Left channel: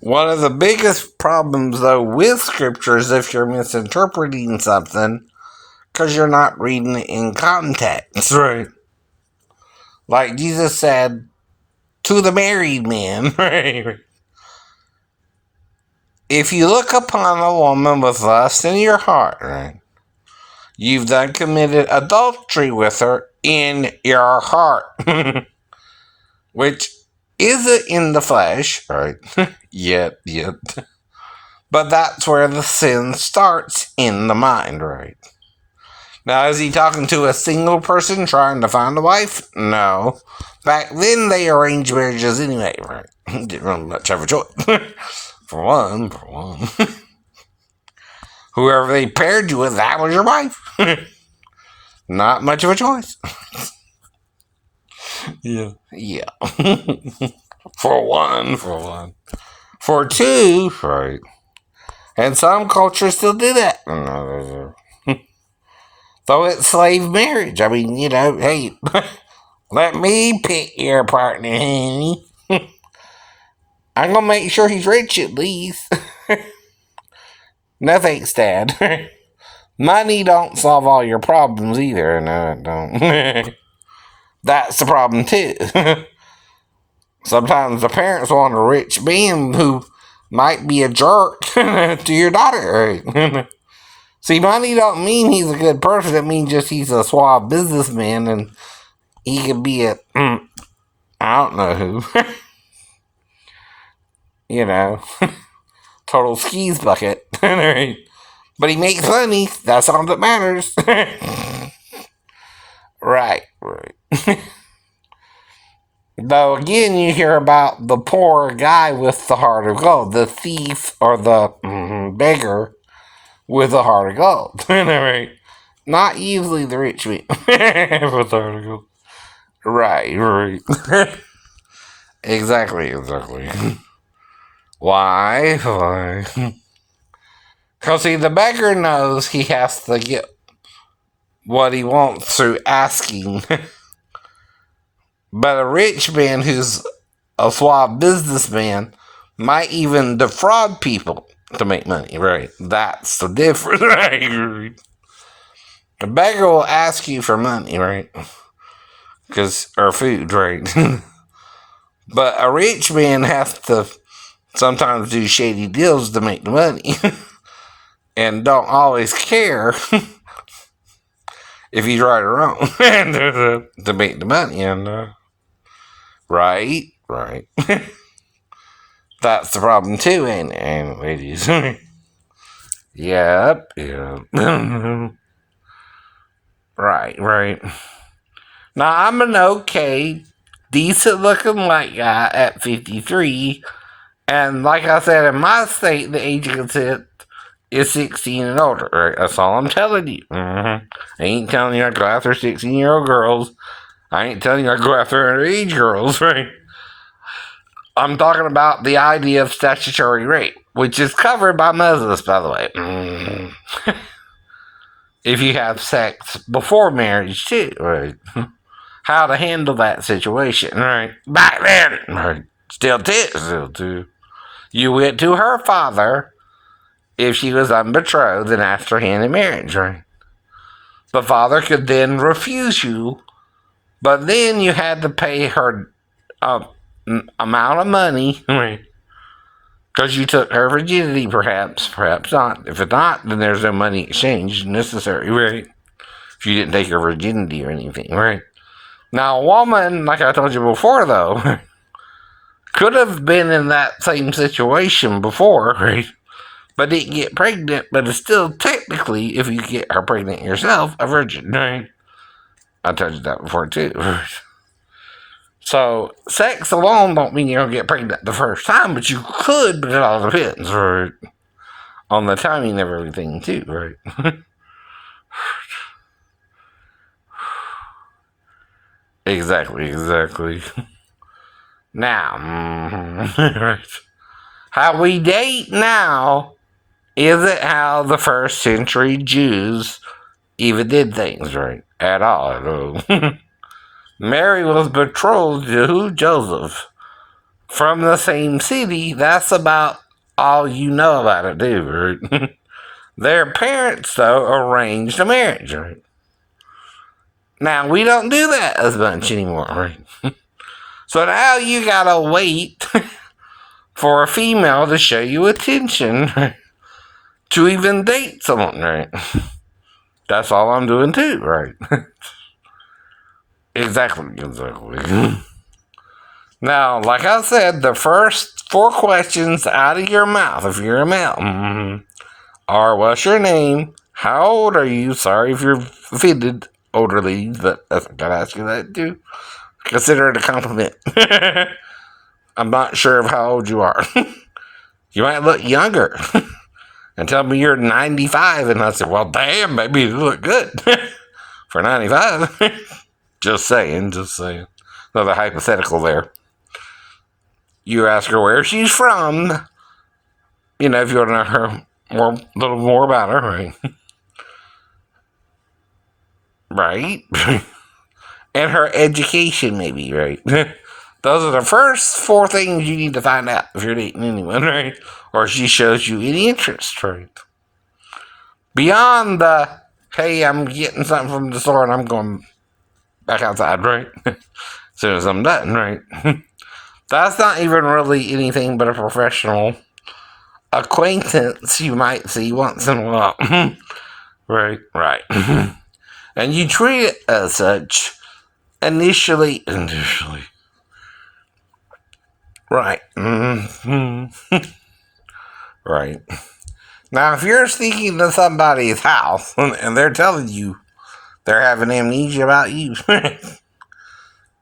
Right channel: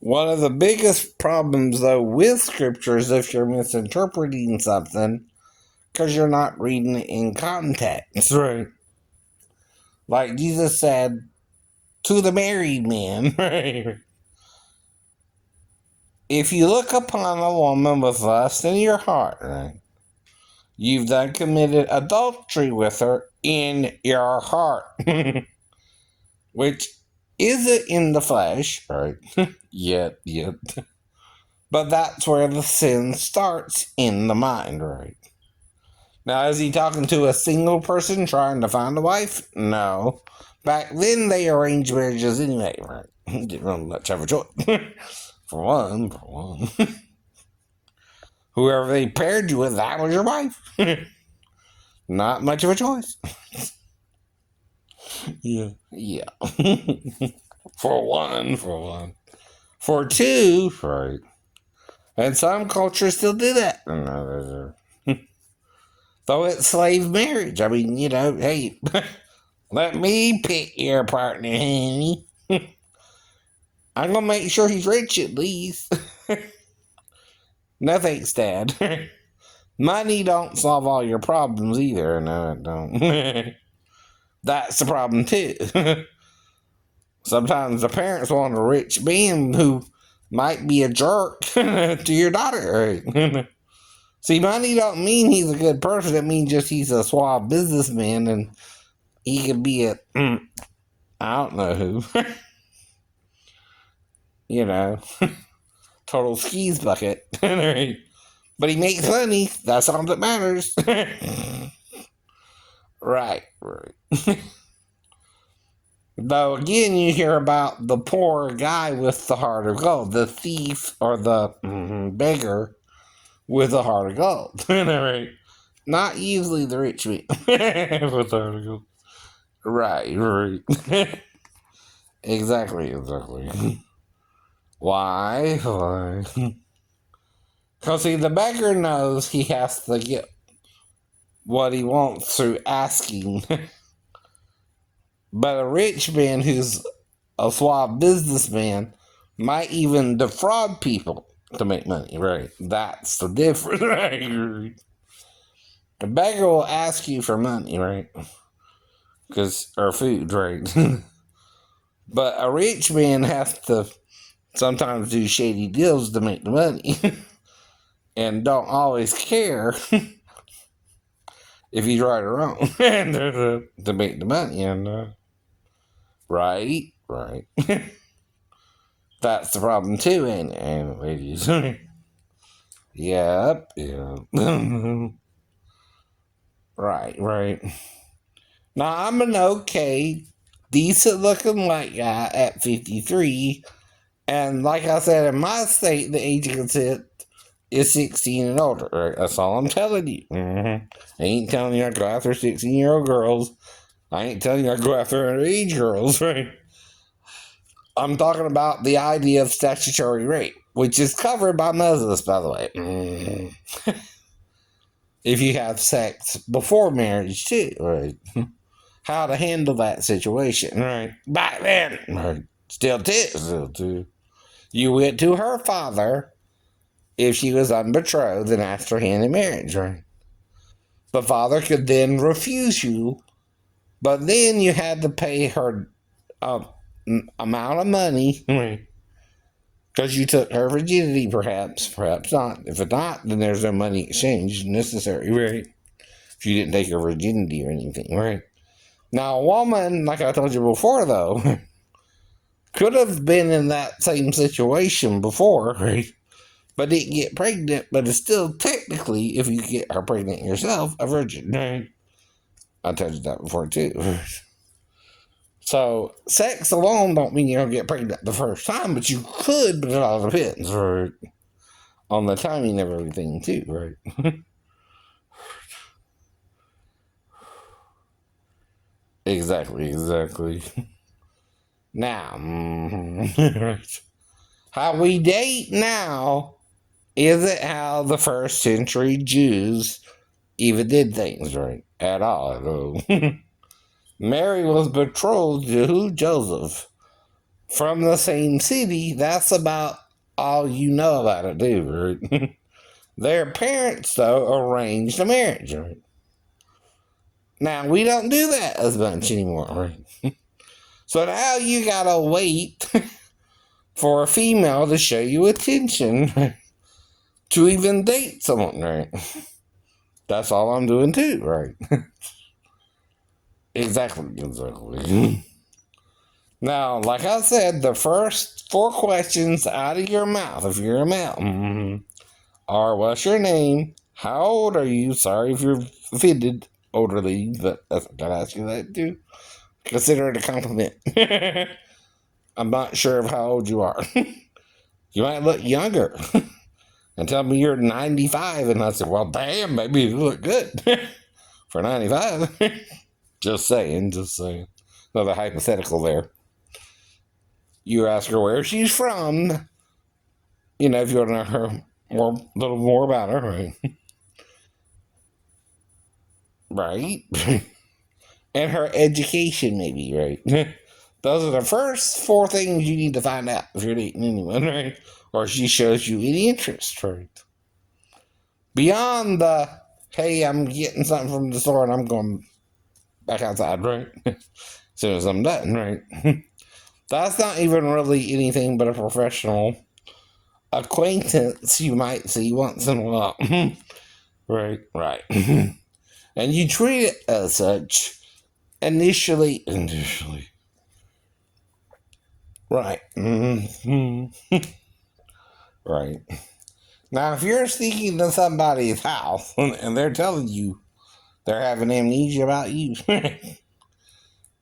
One of the biggest problems, though, with scripture is if you're misinterpreting something because you're not reading it in context. Right. Like Jesus said to the married man, right? If you look upon a woman with lust in your heart, right, you've then committed adultery with her in your heart, which isn't in the flesh, right? yet. But that's where the sin starts, in the mind, right? Now, is he talking to a single person trying to find a wife? No. Back then, they arranged marriages anyway, right? Didn't really much have a choice. for one. Whoever they paired you with, that was your wife. Not much of a choice. Yeah. for one. For two, right. And some cultures still do that. Though it's slave marriage. I mean, hey, let me pick your partner, honey. I'm going to make sure he's rich at least. No thanks, Dad. Money don't solve all your problems either. No, it don't. That's the problem, too. Sometimes the parents want a rich man who might be a jerk to your daughter. See, money don't mean he's a good person. It means just he's a suave businessman and he could be a, I don't know who. Total skis bucket. But he makes money. That's all that matters. Right. Though again, you hear about the poor guy with the heart of gold, the thief or the beggar with a heart of gold. Right? Not usually the rich man with the heart of gold. Right. Exactly. Why? Because, see, the beggar knows he has to get what he wants through asking. But a rich man who's a suave businessman might even defraud people to make money, right? That's the difference, right? The beggar will ask you for money, right? Or food, right? But a rich man has to sometimes do shady deals to make the money. And don't always care if he's right or wrong to make the money. And right. That's the problem too, ain't it, ladies? Yep. Right. Now, I'm an okay, decent looking white guy at 53. And like I said, in my state, the age of consent is 16 and older. Right? That's all I'm telling you. I ain't telling you I go after 16-year-old girls. I ain't telling you I go after underage girls, right? I'm talking about the idea of statutory rape, which is covered by Moses, by the way. If you have sex before marriage, too, right? How to handle that situation, right? Back then, right? Still too. You went to her father if she was unbetrothed and asked her hand in marriage, right? The father could then refuse you, but then you had to pay her amount of money, right? Because you took her virginity, perhaps not. If it's not, then there's no money exchange necessary, right? If you didn't take her virginity or anything, right? Now, a woman, like I told you before, though, could have been in that same situation before, right? But didn't get pregnant, but is still technically, if you get her pregnant yourself, a virgin, right? I told you that before, too. So, sex alone don't mean you're going to get pregnant the first time, but you could, but it all depends, right? On the timing of everything, too, right? Exactly. Now, right. How we date now isn't how the first century Jews even did things, right? At all. Mary was betrothed to who? Joseph. from the same city, that's about all you know about it, too, right? Their parents, though, arranged a marriage, right? Now, we don't do that as much anymore, right? So now you gotta wait for a female to show you attention, right? To even date someone, right? That's all I'm doing, too, right? Exactly. Now, like I said, the first 4 questions out of your mouth, if you're a male, are what's your name? How old are you? Sorry if you're offended, older ladies, but I gotta ask you that too. Consider it a compliment. I'm not sure of how old you are. You might look younger. And tell me you're 95, and I said, well, damn, baby, you look good for 95. Just saying. Another hypothetical there. You ask her where she's from. You know, if you want to know her a little more about her, right? Right? And her education, maybe, right? Those are the first 4 things you need to find out if you're dating anyone, right? Or if she shows you any interest, right? Beyond the, hey, I'm getting something from the store and I'm going back outside, right? As soon as I'm done, right? That's not even really anything but a professional acquaintance you might see once in a while. Right. And you treat it as such initially. Right. Right. Now, if you're sneaking to somebody's house and they're telling you they're having amnesia about you,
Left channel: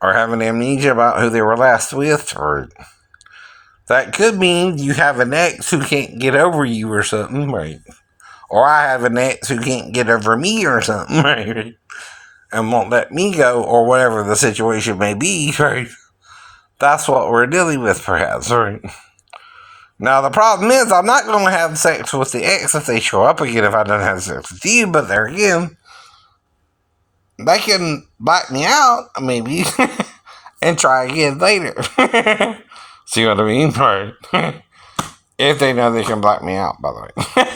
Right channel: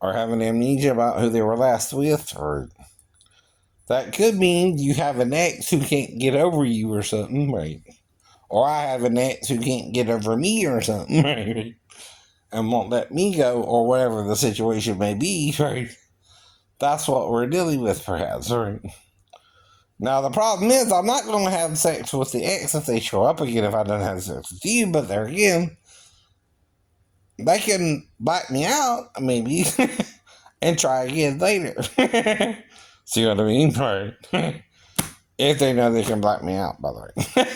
or having amnesia about who they were last with, or that could mean you have an ex who can't get over you or something, right? Or I have an ex who can't get over me or something, right? And won't let me go, or whatever the situation may be, right? That's what we're dealing with, perhaps, right? Now, the problem is, I'm not going to have sex with the ex if they show up again if I don't have sex with you, but there again, they can black me out, maybe, and try again later. See what I mean? Right. If they know they can black me out, by the way.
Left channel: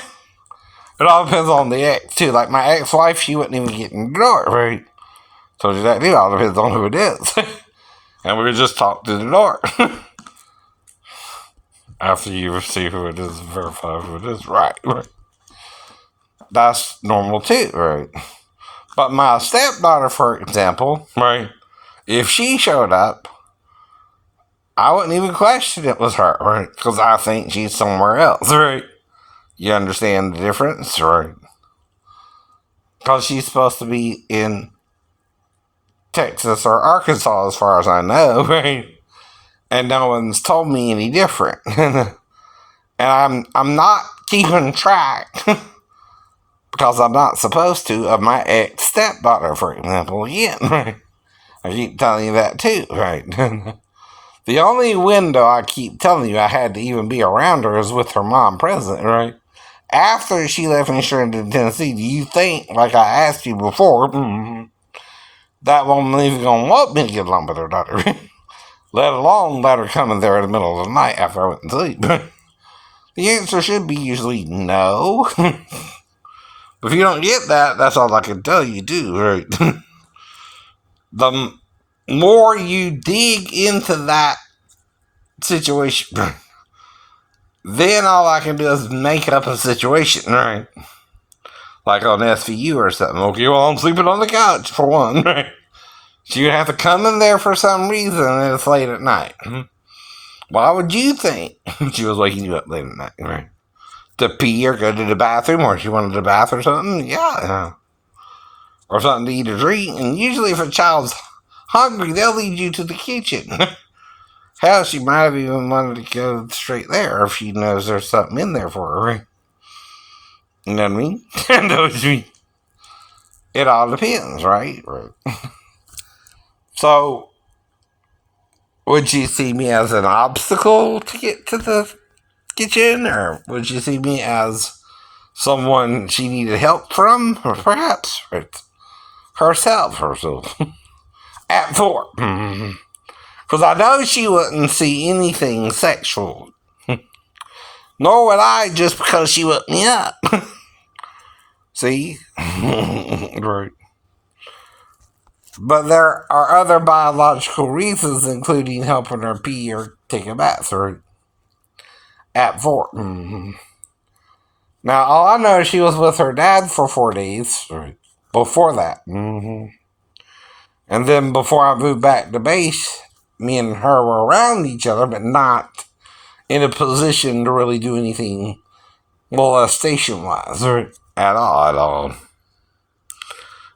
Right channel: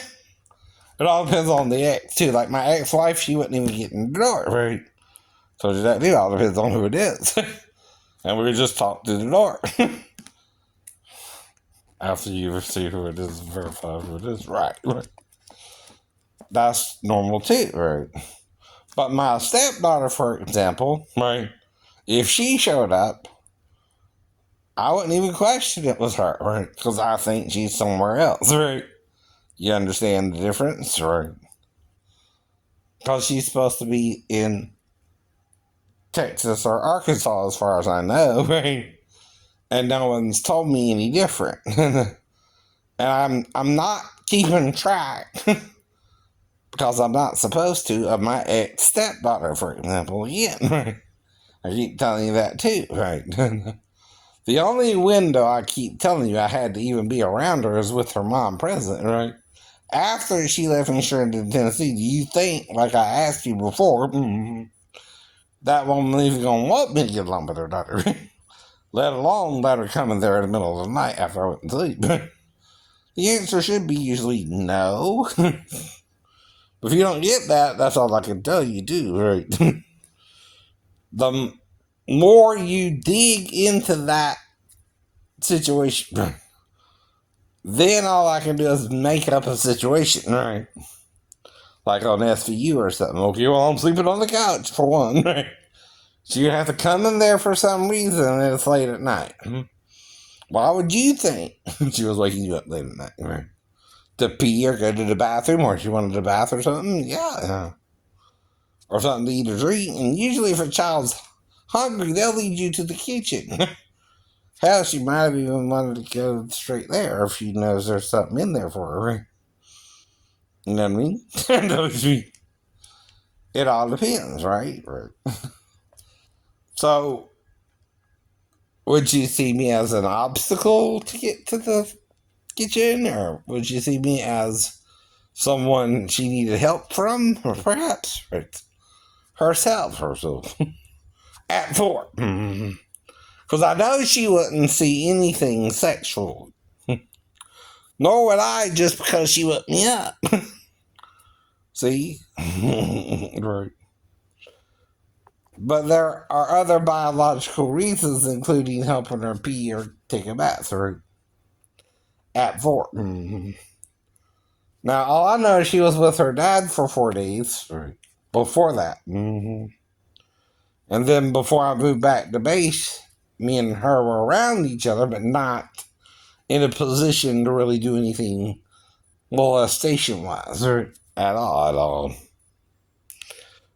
It all depends on the ex, too. Like my ex-wife, she wouldn't even get in the door, right? So that it all depends on who it is. And we would just talk to the door. After you see who it is, verify who it is. Right. That's normal, too, right? But my stepdaughter, for example, right, if she showed up, I wouldn't even question it was her, right? Because I think she's somewhere else, right? You understand the difference, right? Because she's supposed to be in Texas or Arkansas, as far as I know, right? And no one's told me any different. And I'm not keeping track, because I'm not supposed to, of my ex-stepdaughter, for example, again, right? I keep telling you that too, right? The only window I keep telling you I had to even be around her is with her mom present, right? After she left me straight to Tennessee, do you think, like I asked you before, that woman even going to want me to get along with her daughter? Let alone let her come in there in the middle of the night after I went to sleep. The answer should be usually no. If you don't get that, that's all I can tell you, too, right? The more you dig into that situation, then all I can do is make up a situation, right? Like on SVU or something. Okay, well, I'm sleeping on the couch, for one, right? So you have to come in there for some reason, and it's late at night. Why would you think she was waking you up late at night, right? To pee or go to the bathroom, or she wanted to bath or something? Yeah. Or something to eat or drink. And usually if a child's hungry, they'll lead you to the kitchen. Hell, she might have even wanted to go straight there if she knows there's something in there for her, right? You know what I mean? It all depends, right? So, would you see me as an obstacle to get to the kitchen? Or would you see me as someone she needed help from? Or perhaps herself. At 4. Because I know she wouldn't see anything sexual. Nor would I, just because she woke me up. See? Right. But there are other biological reasons, including helping her pee or take a bath, or at 4. Now, all I know is she was with her dad for 4 days. Right. Before that. And then before I moved back to base, me and her were around each other, but not in a position to really do anything molestation-wise. Right. At all.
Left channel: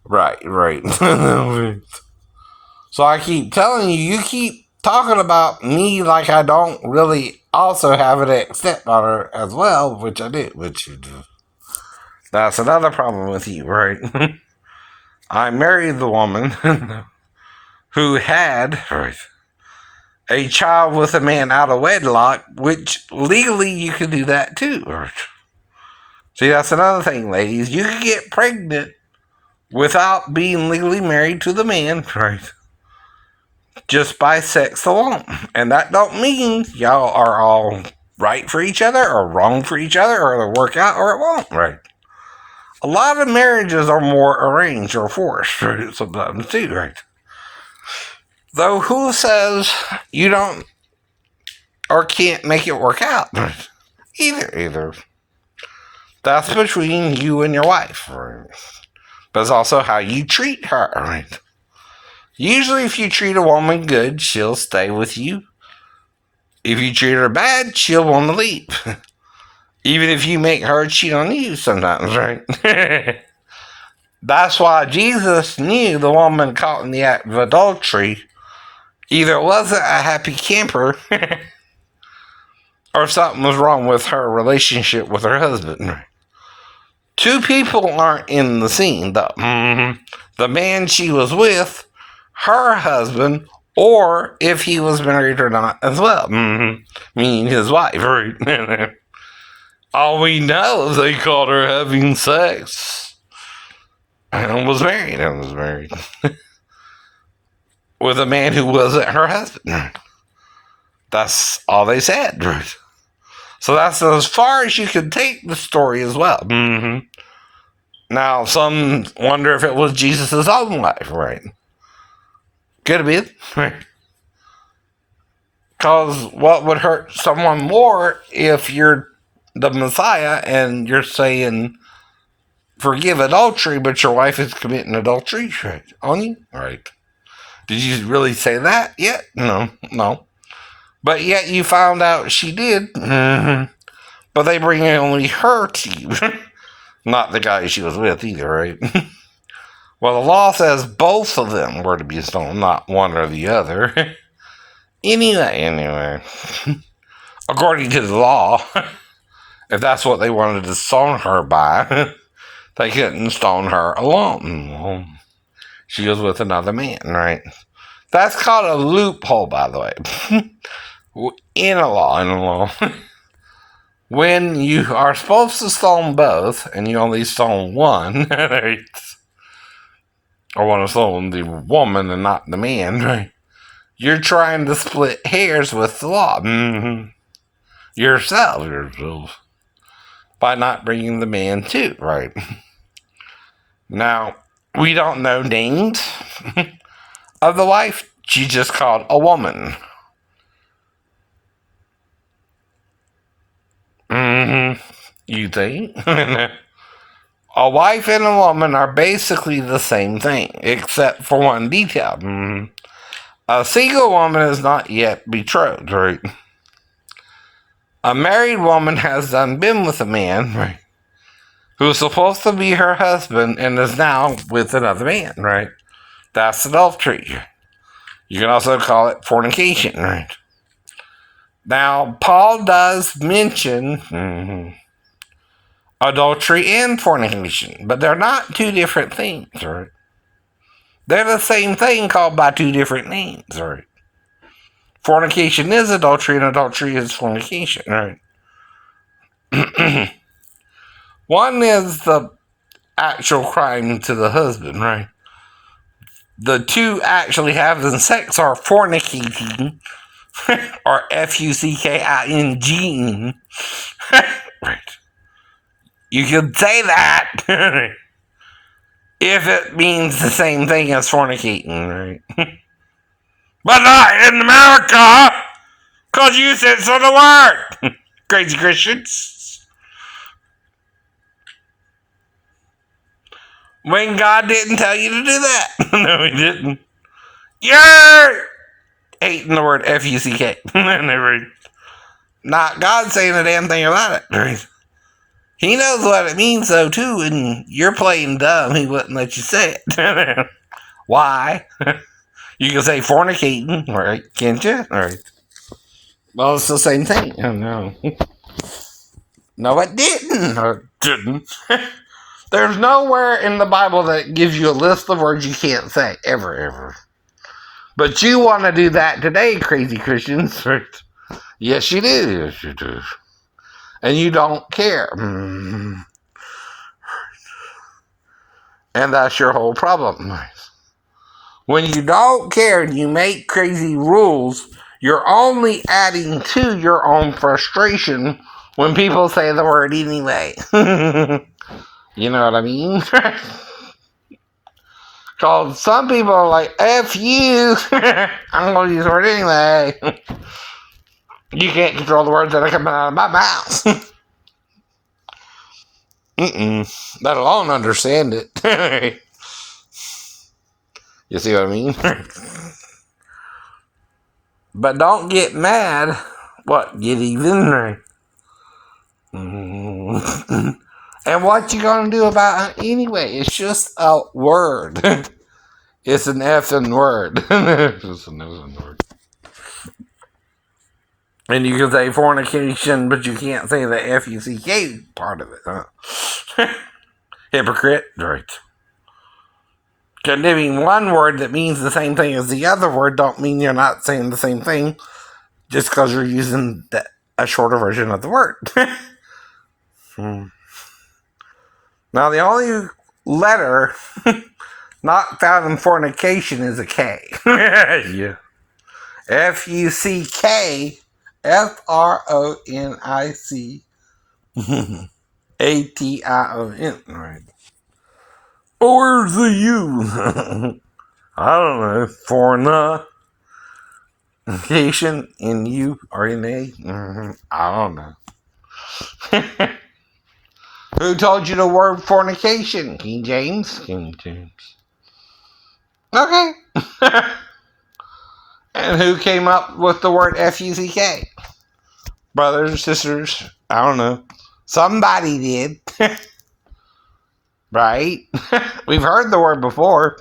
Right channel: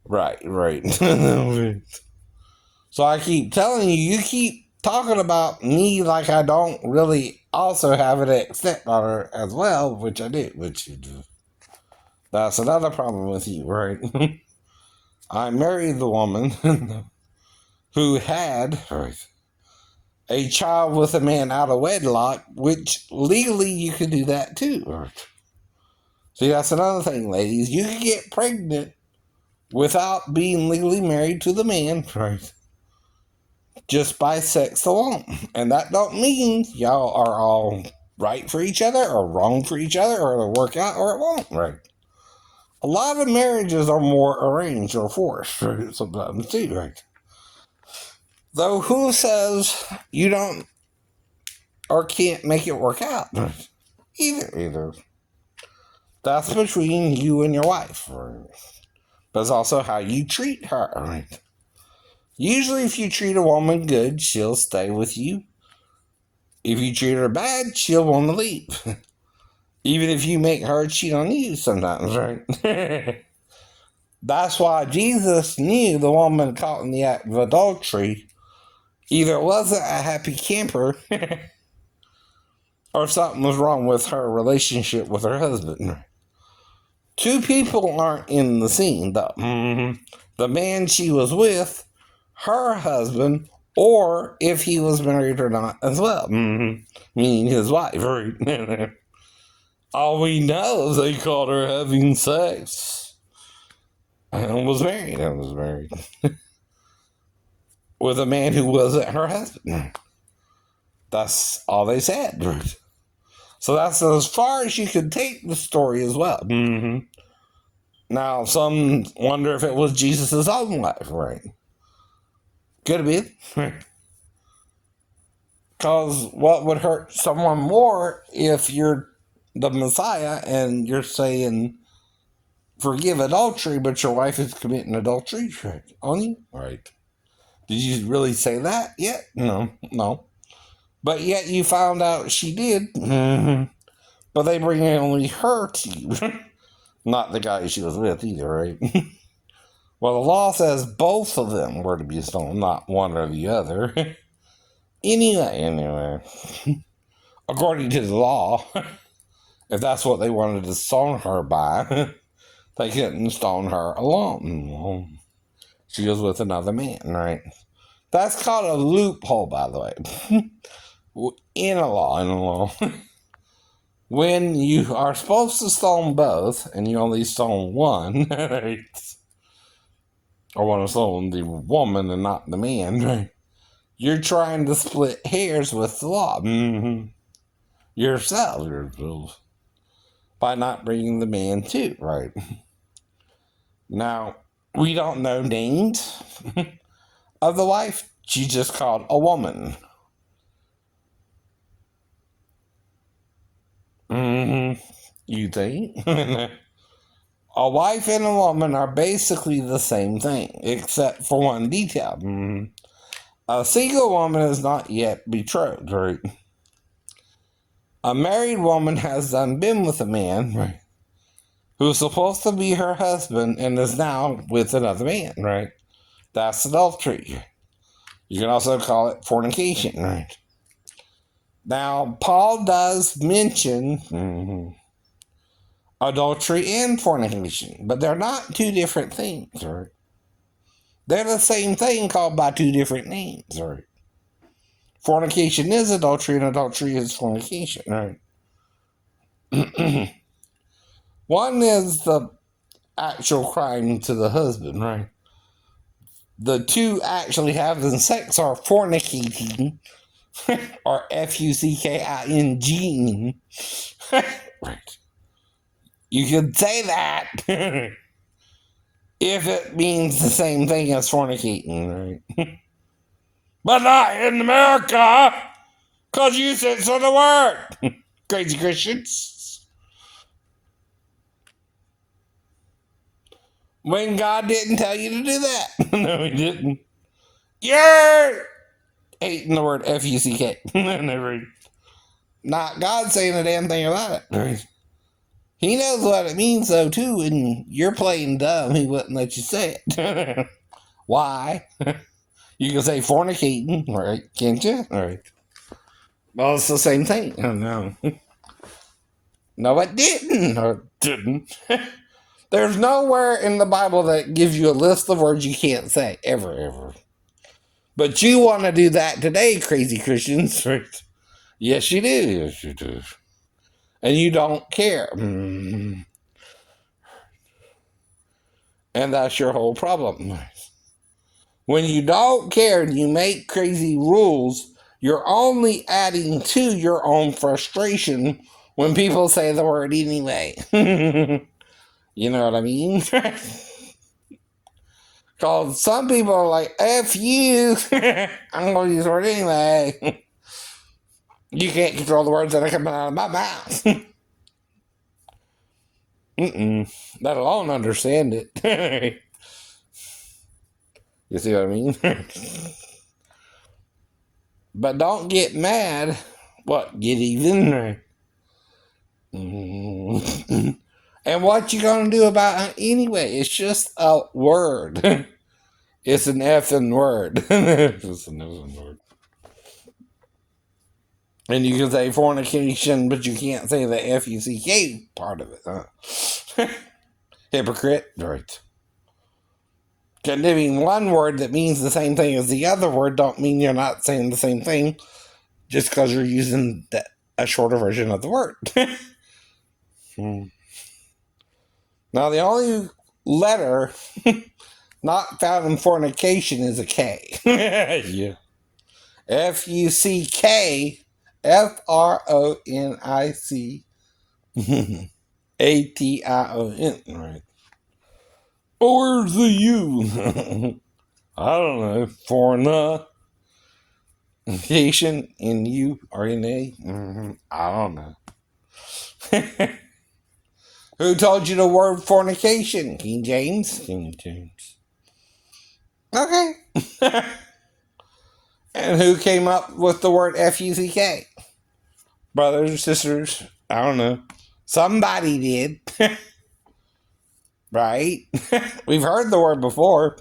Right. So I keep telling you, you keep talking about me like I don't really also have an stepdaughter as well, which I do, which you do. That's another problem with you, right? I married the woman who had a child with a man out of wedlock, which legally you can do that too. Right? See, that's another thing, ladies. You can get pregnant without being legally married to the man, right? Just by sex alone. And that don't mean y'all are all right for each other or wrong for each other, or it'll work out or it won't, right? A lot of marriages are more arranged or forced, right? Sometimes too, right? Though who says you don't or can't make it work out? Either. That's between you and your wife, right? But it's also how you treat her, right? Usually if you treat a woman good, she'll stay with you. If you treat her bad, she'll want to leave. Even if you make her cheat on you sometimes, right? That's why Jesus knew the woman caught in the act of adultery either wasn't a happy camper or something was wrong with her relationship with her husband. Two people aren't in the scene, though. The man she was with, her husband, or if he was married or not as well. Meaning his wife, right? All we know is they called her having sex. And was married. With a man who wasn't her husband. That's all they said. So that's as far as you can take the story as well. Now, some wonder if it was Jesus' own wife, right? Could have been, right? Because what would hurt someone more if you're the Messiah and you're saying, forgive adultery, but your wife is committing adultery, right? On you? Right. Did you really say that yet? No. But yet you found out she did. But they bring only her to you. Not the guy she was with either, right? Well, the law says both of them were to be stoned, not one or the other. Anyway. According to the law, if that's what they wanted to stone her by, they couldn't stone her alone. She was with another man, right? That's called a loophole, by the way. In a law. When you are supposed to stone both, and you only stone one, right? Or want to stone the woman and not the man, right? You're trying to split hairs with the law. Yourself. By not bringing the man too, right? Now, we don't know names of the wife. She just called a woman. You think? A wife and a woman are basically the same thing, except for one detail. A single woman is not yet betrothed, right? A married woman has done been with a man, right, who's supposed to be her husband and is now with another man, right? That's adultery. You can also call it fornication, right? Now, Paul does mention adultery and fornication, but they're not two different things, right? They're the same thing called by two different names, right? Fornication is adultery, and adultery is fornication, right? One is the actual crime to the husband, right? the two actually having sex are fornicating, or Fucking. Right. You could say that if it means the same thing as fornicating, right? But not in America, because you said so the word. Crazy Christians. When God didn't tell you to do that. No, he didn't. You're hating the word Fuck. Not God saying a damn thing about it. He knows what it means, though, too, and you're playing dumb. He wouldn't let you say it. Why? You can say fornicating, right? Can't you? Right. Well, it's the same thing. Oh, no. No, it didn't. Or didn't. There's nowhere in the Bible that gives you a list of words you can't say. Ever. But you want to do that today, crazy Christians. Right? Yes, you do. Yes, you do. And you don't care. And that's your whole problem. When you don't care and you make crazy rules, you're only adding to your own frustration when people say the word anyway. You know what I mean? Because some people are like, F you. I'm going to use the word anyway. You can't control the words that are coming out of my mouth. Let alone understand it. You see what I mean? But don't get mad. What? Get even? And what you gonna do about it anyway? It's just a word. It's an effing word. It's just an effing word. And you can say fornication, but you can't say the Fuck part of it. Huh? Hypocrite. Right. Condemning one word that means the same thing as the other word don't mean you're not saying the same thing just because you're using a shorter version of the word. Now, the only letter not found in fornication is a K. Yeah. Fuck. FRONICATION. Right. Where's the U? I don't know. Fornication in U or in A? I don't know. Who told you the word fornication? King James? King James. Okay. And who came up with the word Fuck? Brothers, sisters, I don't know. Somebody did. Right? We've heard the word before.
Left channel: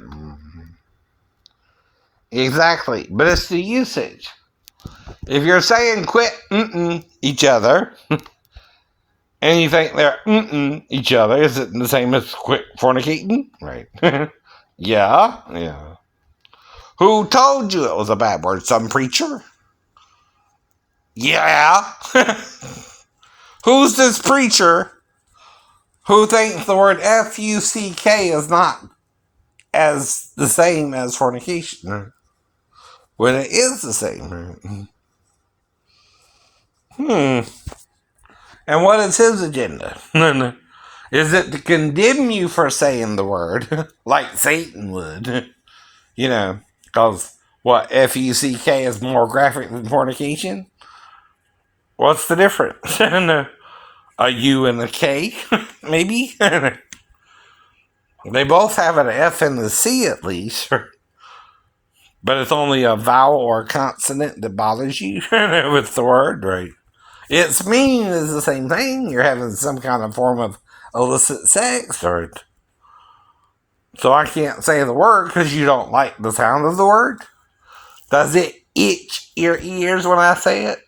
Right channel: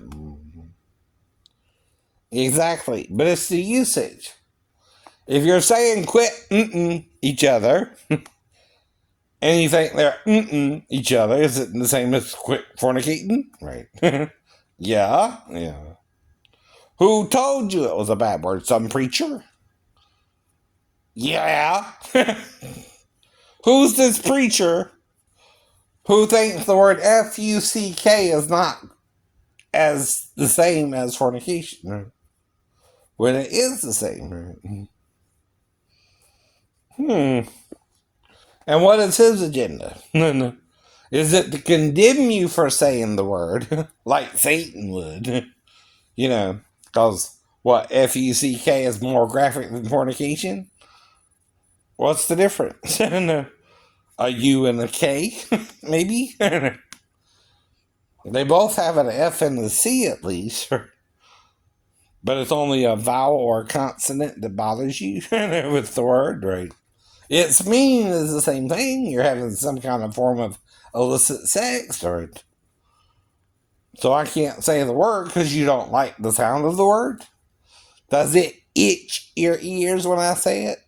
Exactly. But it's the usage. If you're saying quit each other, and you think they're each other, is it the same as quit fornicating? Right. Yeah. Who told you it was a bad word? Some preacher? Yeah. Who's this preacher who thinks the word Fuck is not as the same as fornication? When it is the same. And what is his agenda? Is it to condemn you for saying the word, like Satan would? You know, because what, Fuck is more graphic than fornication? What's the difference? A U and a K, maybe? They both have an F and a C at least. But it's only a vowel or a consonant that bothers you with the word, right? Its meaning is the same thing. You're having some kind of form of illicit sex, right? So I can't say the word because you don't like the sound of the word. Does it itch your ears when I say it?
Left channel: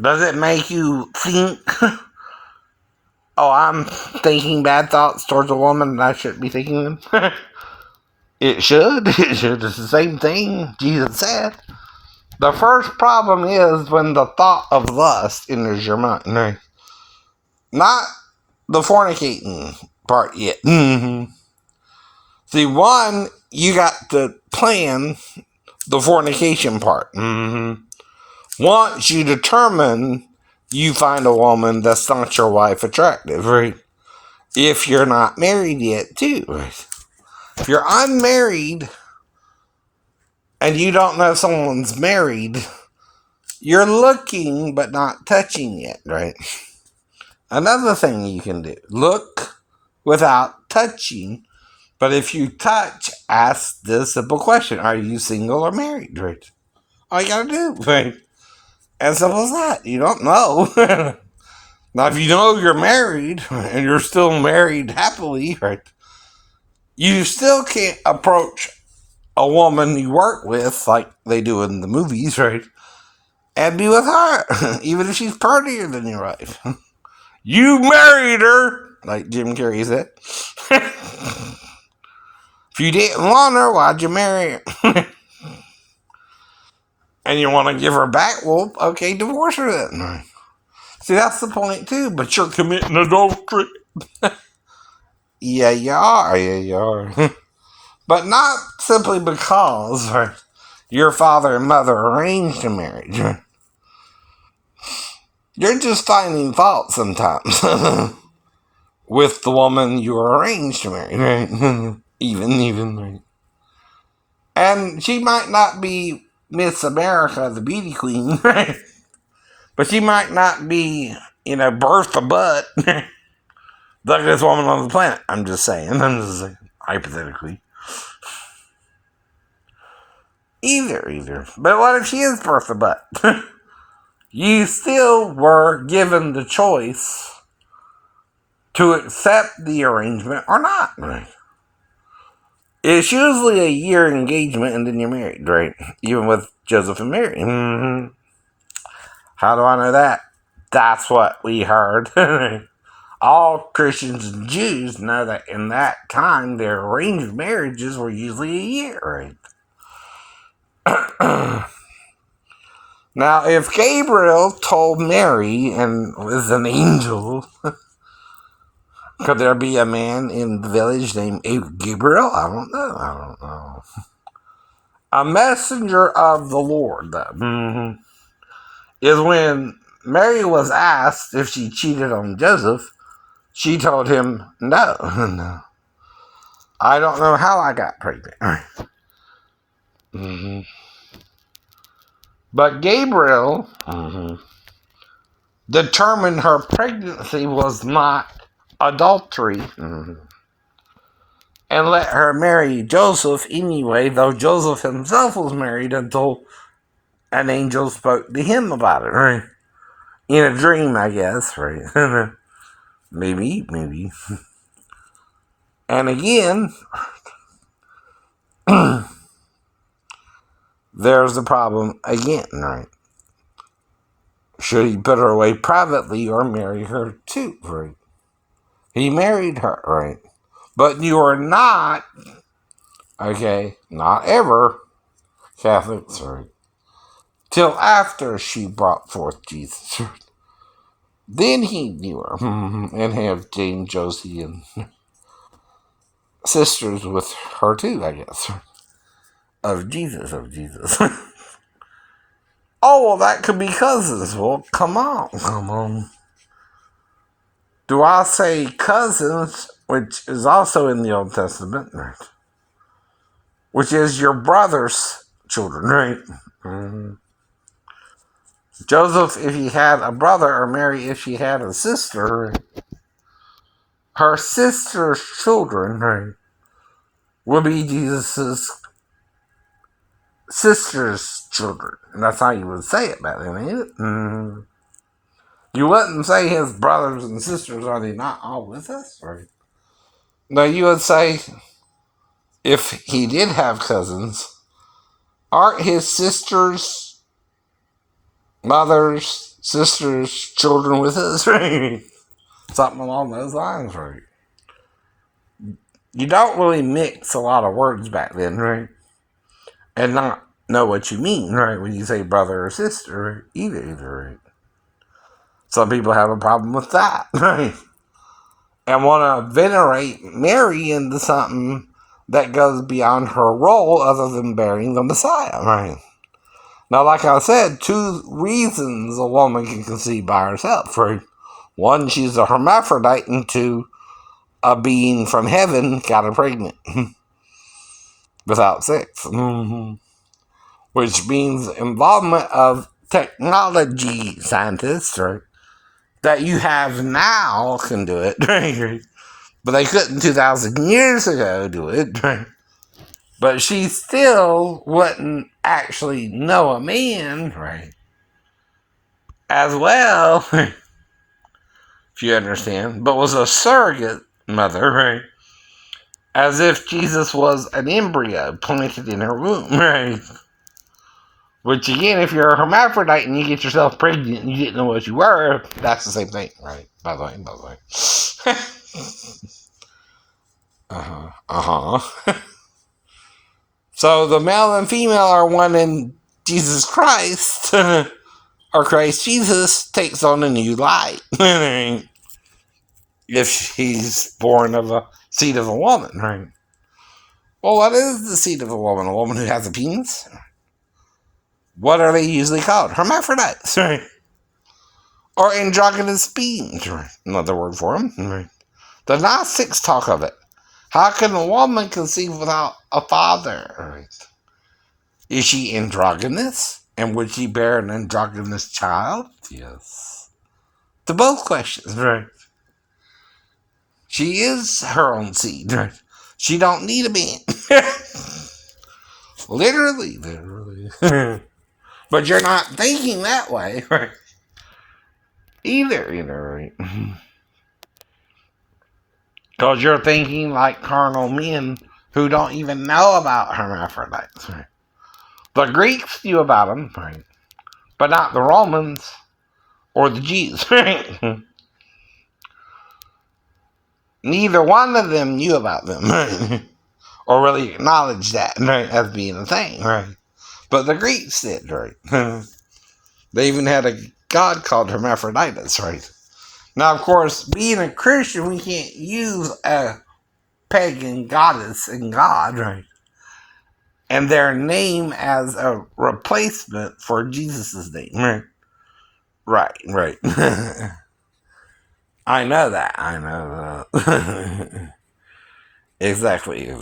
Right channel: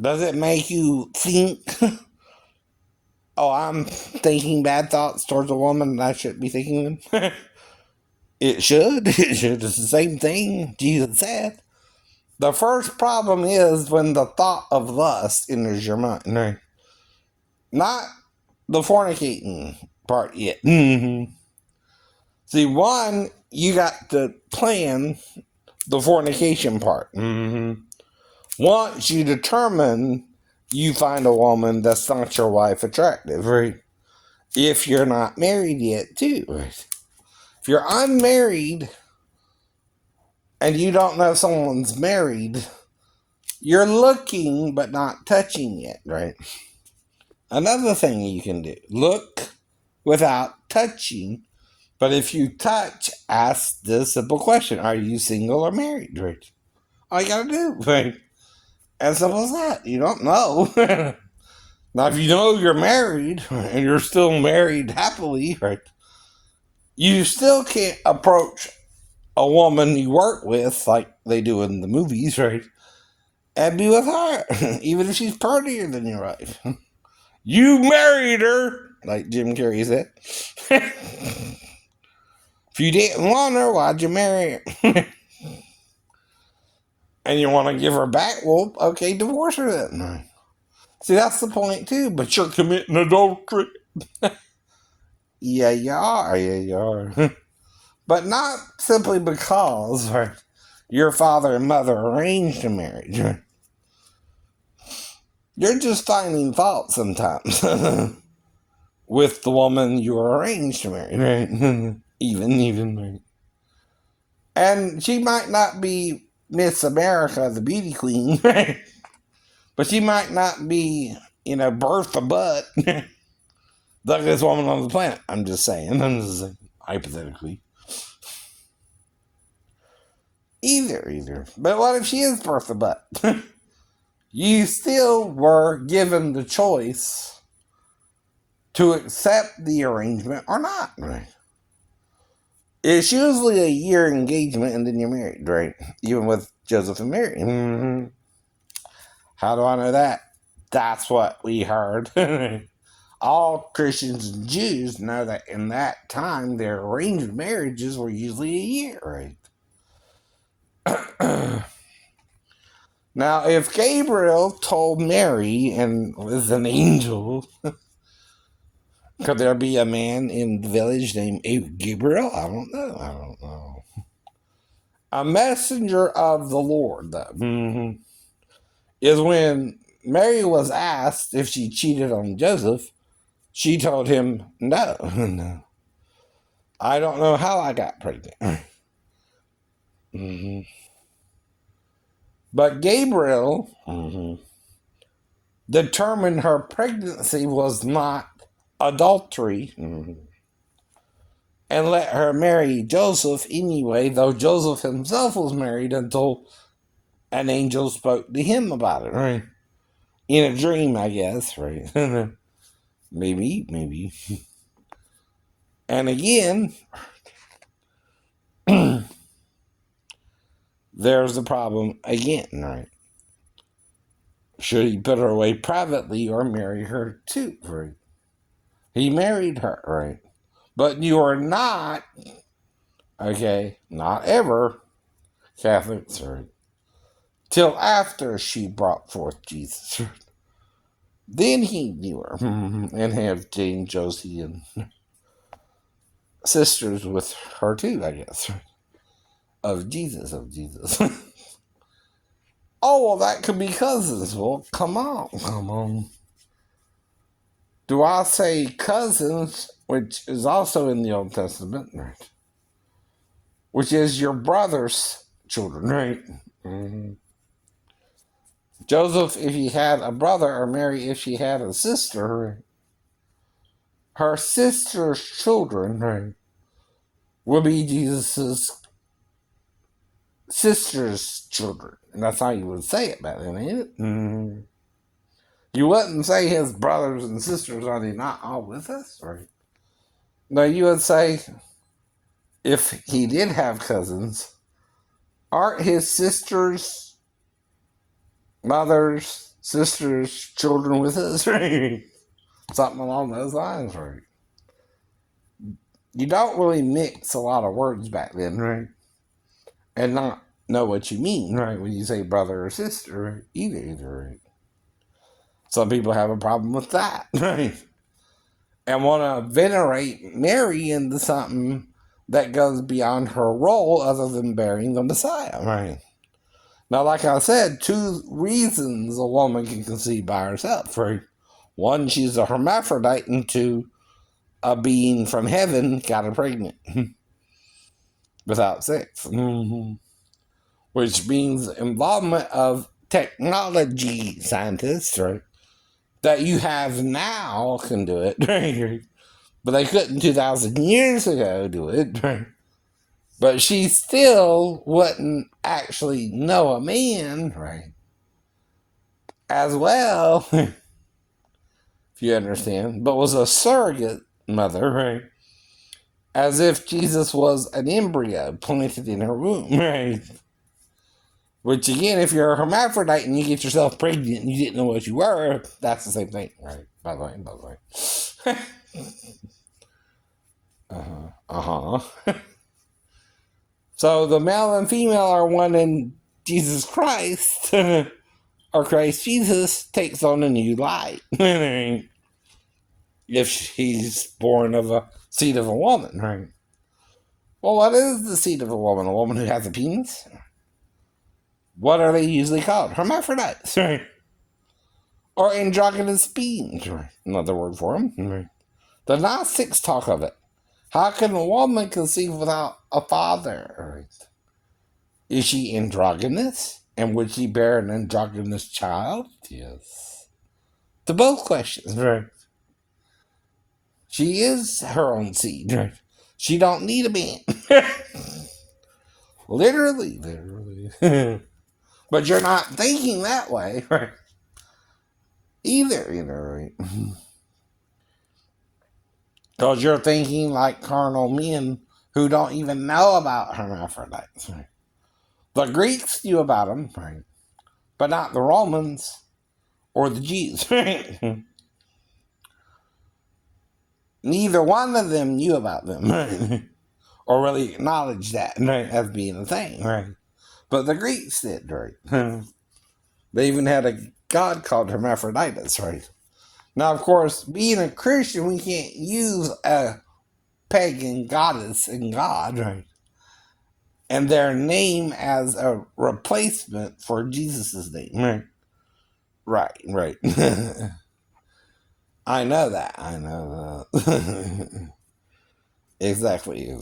Does it make you think, oh, I'm thinking bad thoughts towards a woman that I shouldn't be thinking them? It should. It's the same thing Jesus said. The first problem is when the thought of lust enters your mind. Right? Not the fornicating part yet. See, one, you got to plan the fornication part. Once you determine you find a woman that's not your wife attractive, right? If you're not married yet, too. Right? If you're unmarried and you don't know someone's married, you're looking but not touching yet, right? Another thing you can do, look without touching. But if you touch, ask the simple question, are you single or married, right? All you gotta do, right? As simple as that. You don't know. Now, if you know you're married and you're still married happily, right? You still can't approach a woman you work with like they do in the movies, right? And be with her, even if she's prettier than your wife. You married her, like Jim Carrey said. If you didn't want her, why'd you marry her? And you want to give her back, well, okay, divorce her then. See, that's the point too, but you're committing adultery. Yeah, you are. But not simply because your father and mother arranged a marriage. You're just finding fault sometimes with the woman you were arranged to marry, right? even, right? And she might not be Miss America, the beauty queen, right? But she might not be, Bertha Butt, the ugliest woman on the planet. I'm just saying, hypothetically. Either. But what if she is Bertha Butt? You still were given the choice to accept the arrangement or not, right? It's usually a year engagement and then you're married, right? Even with Joseph and Mary. Mm-hmm. How do I know that? That's what we heard. All Christians and Jews know that in that time, their arranged marriages were usually a year, right? Now, if Gabriel told Mary and was an angel, could there be a man in the village named Gabriel? I don't know. A messenger of the Lord, is when Mary was asked if she cheated on Joseph, she told him, no. I don't know how I got pregnant. But Gabriel determined her pregnancy was not adultery and let her marry Joseph anyway, though Joseph himself was married until an angel spoke to him about it, right? In a dream, I guess, right? Maybe. And again, there's the problem again, right? Should he put her away privately or marry her too, right? He married her, right? But you are not, not ever Catholics, right? Till after she brought forth Jesus. Then he knew her and have Jane, Josie, and sisters with her too, I guess. Of Jesus. Oh, well, that could be cousins. Well, come on. Do I say cousins, which is also in the Old Testament, right? Which is your brother's children, right? Mm-hmm. Joseph, if he had a brother, or Mary, if she had a sister, her sister's children, right, will be Jesus' sister's children. And that's how you would say it back then, ain't it? Mm-hmm. You wouldn't say his brothers and sisters, are they not all with us, right? No, you would say, if he did have cousins, aren't his sisters, mothers, sisters, children with us, right? Something along those lines, right? You don't really mix a lot of words back then, right? And not know what you mean, right? When you say brother or sister, right? Either, right? Some people have a problem with that, right? And want to venerate Mary into something that goes beyond her role other than bearing the Messiah, right? Now, like I said, two reasons a woman can conceive by herself, right? One, she's a hermaphrodite, and two, a being from heaven got her pregnant without sex. Which means involvement of technology scientists, right, that you have now can do it, right? But they couldn't 2,000 years ago do it, right? But she still wouldn't actually know a man, right? As well, if you understand, but was a surrogate mother, right? As if Jesus was an embryo planted in her womb, right? Which again, if you're a hermaphrodite and you get yourself pregnant and you didn't know what you were, that's the same thing, right? By the way. So the male and female are one in Jesus Christ, or Christ Jesus takes on a new light. If she's born of a seed of a woman, right? Well, what is the seed of a woman? A woman who has a penis? What are they usually called? Hermaphrodites, right? Or androgynous beings, right? Another word for them, right? The Gnostics talk of it. How can a woman conceive without a father? Right? Is she androgynous? And would she bear an androgynous child? Yes. To both questions, right? She is her own seed, right? She don't need a man. Literally. But you're not thinking that way, right? Either, right? Because you're thinking like carnal men who don't even know about hermaphrodites, right? The Greeks knew about them, right? But not the Romans or the Jews, right? Neither one of them knew about them, right? Or really acknowledged that, right, as being a thing, right? But the Greeks did, right? They even had a god called Hermaphroditus, right? Now, of course, being a Christian, we can't use a pagan goddess and god, right? And their name as a replacement for Jesus' name, right? Right. I know that. Exactly.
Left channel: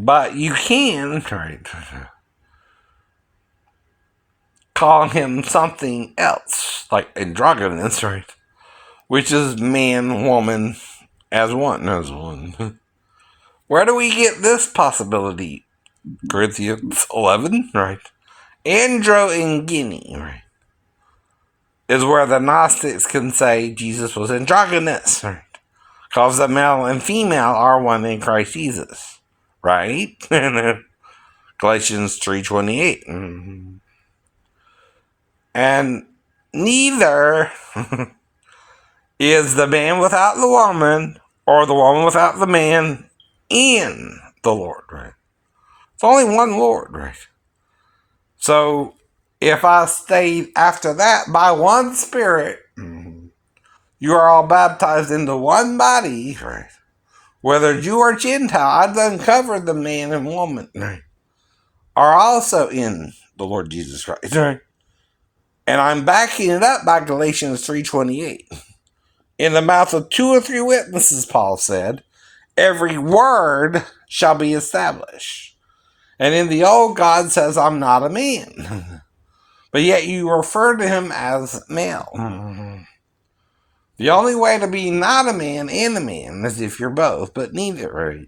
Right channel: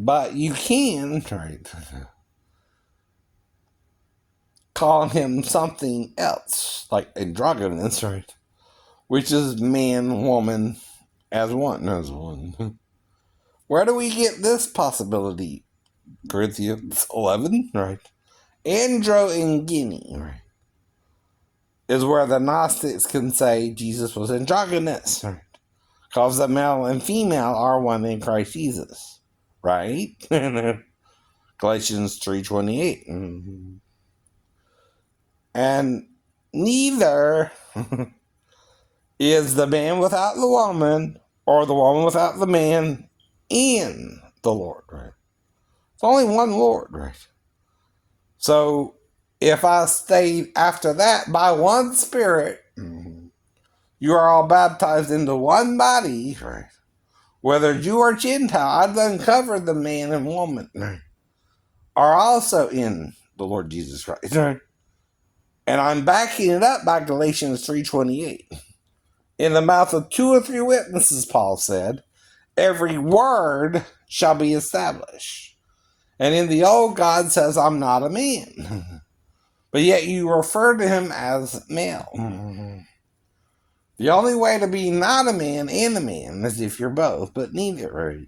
But you can, right, call him something else, like androgynous, right? Which is man, woman, as one. Where do we get this possibility? Corinthians 11, right? Andro and Guinea, right? Is where the Gnostics can say Jesus was androgynous, right? Because the male and female are one in Christ Jesus, right? Galatians 3:28. And neither is the man without the woman or the woman without the man in the Lord, right? It's only one Lord, right? So if I stayed after that by one Spirit, you are all baptized into one body, right? Whether Jew or Gentile, I've uncovered the man and woman, right, are also in the Lord Jesus Christ, right? And I'm backing it up by Galatians 3:28. In the mouth of 2 or 3 witnesses, Paul said, every word shall be established. And in the old, God says, I'm not a man. But yet you refer to him as male. The only way to be not a man and a man is if you're both, but neither, right?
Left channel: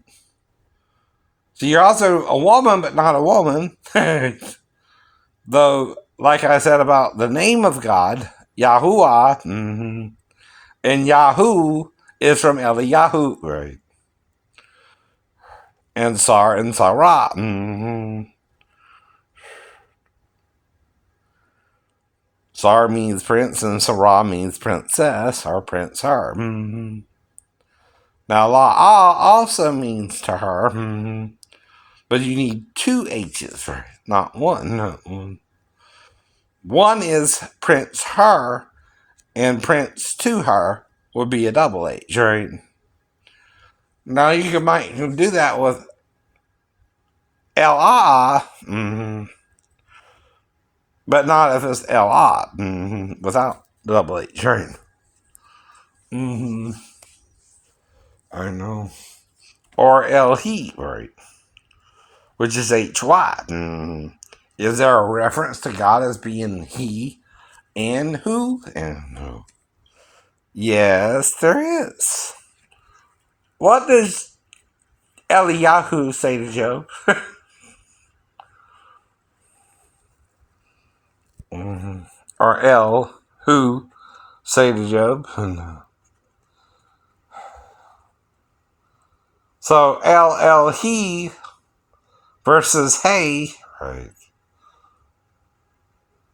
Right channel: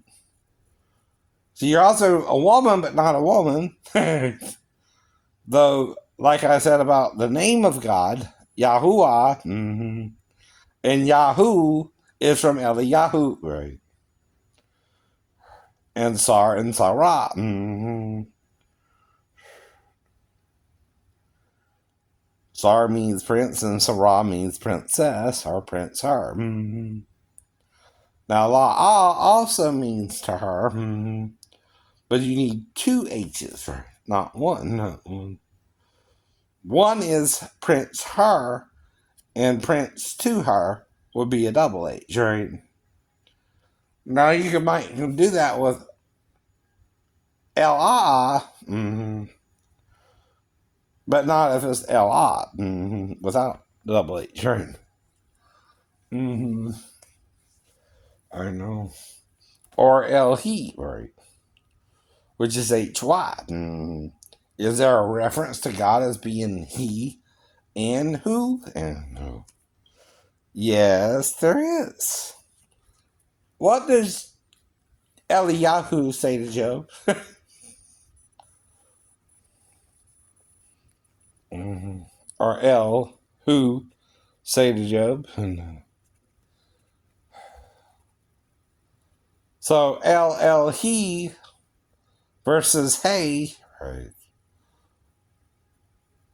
So you're also a woman, but not a woman. Though, like I said about the name of God, Yahuwah, and Yahoo is from Eliyahu, right? And Sar and Sarah. Sar means prince and Sarah means princess or prince her. Now La'ah also means to her, but you need 2 H's, right? Not one. No. One is prince her, and prince to her would be a double H, right? Now you might do that with L-I, but not if it's L-I, without double H, right? I know. Or L-He, right? Which is H-Y. Is there a reference to God as being He and who? And who? Yes, there is. What does Eliyahu say to Job? Or El, who say to Job? So El, he versus hey. Right.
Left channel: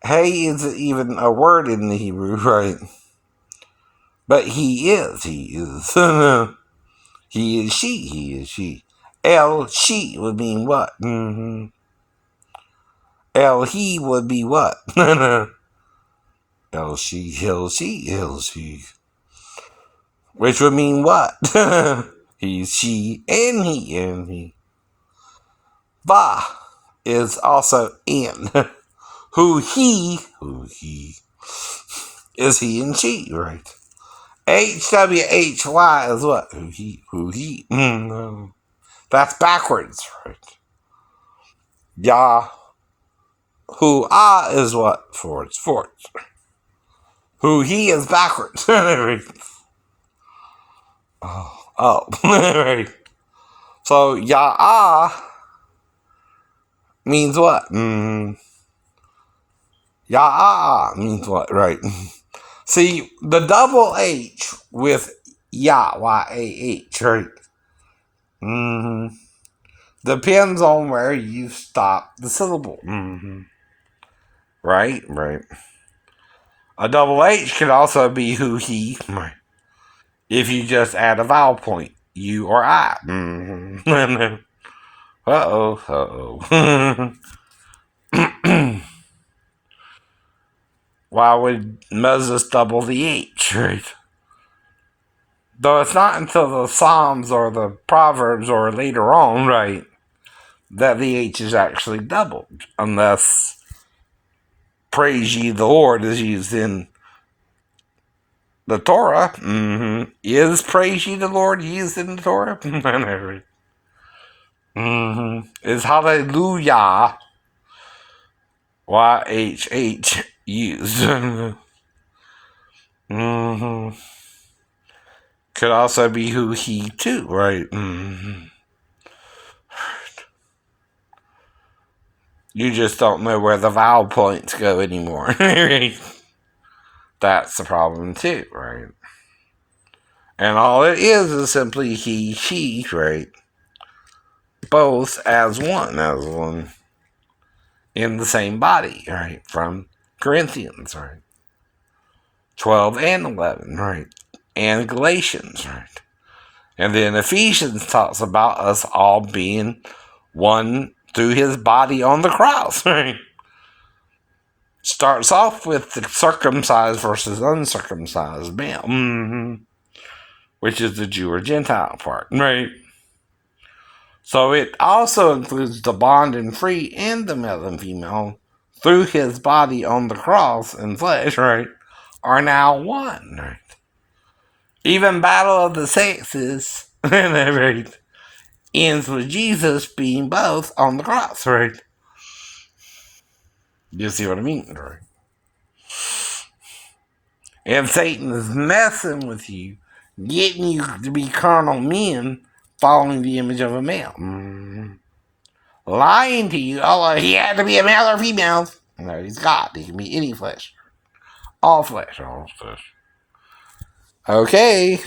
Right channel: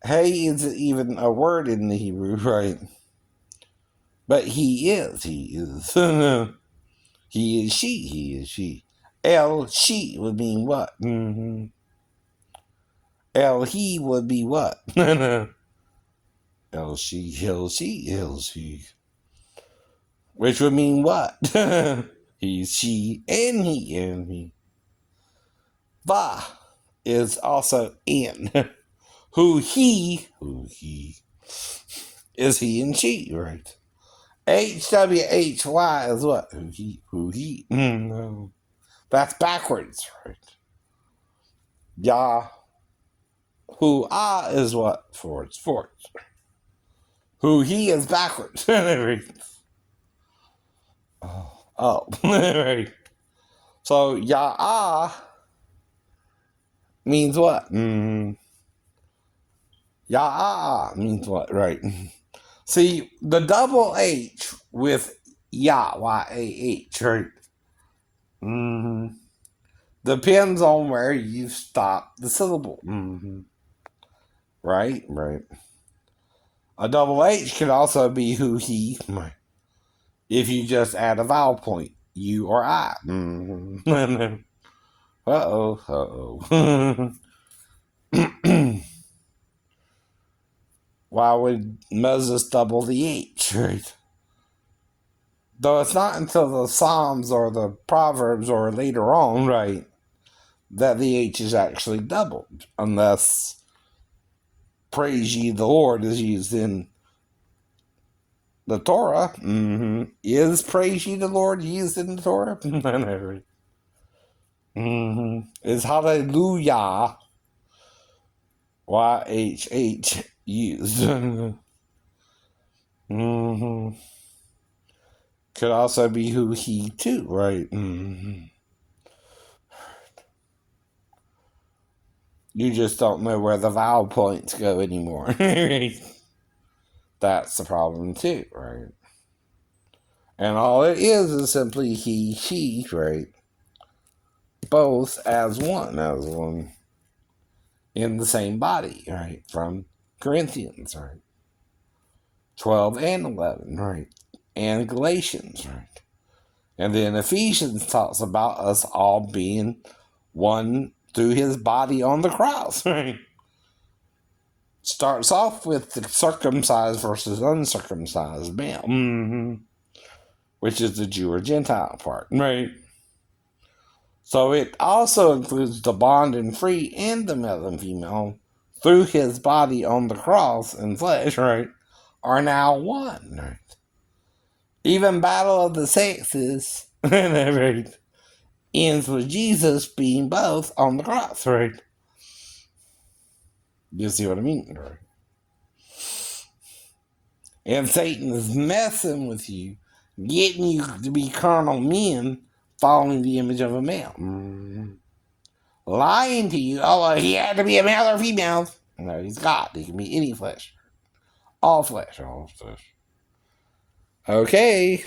Hey isn't even a word in the Hebrew, right? But he is. He is, he is she. El, she would mean what? El, he would be what? El, she. Which would mean what? He, she, and he. Va is also in. Who he is he and she, right? HWHY is what? Who he. That's backwards, right? Yah. Who ah is what? Forwards. Who he is backwards. Oh. Right. So Yah means what? Yah means what? Right. See, the double H with Yah, Y-A-H, right? Depends on where you stop the syllable. Right. A double H could also be who he, right? If you just add a vowel point, you or I. Uh-oh. Why would Moses double the H, right? Though it's not until the Psalms or the Proverbs or later on, right, that the H is actually doubled. Unless praise ye the Lord is used in the Torah. Is praise ye the Lord used in the Torah? Is hallelujah YHH used? Could also be who he too, right? You just don't know where the vowel points go anymore. That's the problem too, right? And all it is simply he, she, right? Both as one in the same body, right? From Corinthians, right? 12 and 11, right? And Galatians, right? And then Ephesians talks about us all being one through his body on the cross, right? Starts off with the circumcised versus uncircumcised male, which is the Jew or Gentile part, right? So it also includes the bond and free and the male and female through his body on the cross and flesh, right, are now one, right? Even Battle of the Sexes, right, ends with Jesus being both on the cross, right? You see what I mean, right? And Satan is messing with you, getting you to be carnal men following the image of a male. Lying to you, he had to be a male or female. No, he's God. He can be any flesh. All flesh. Okay.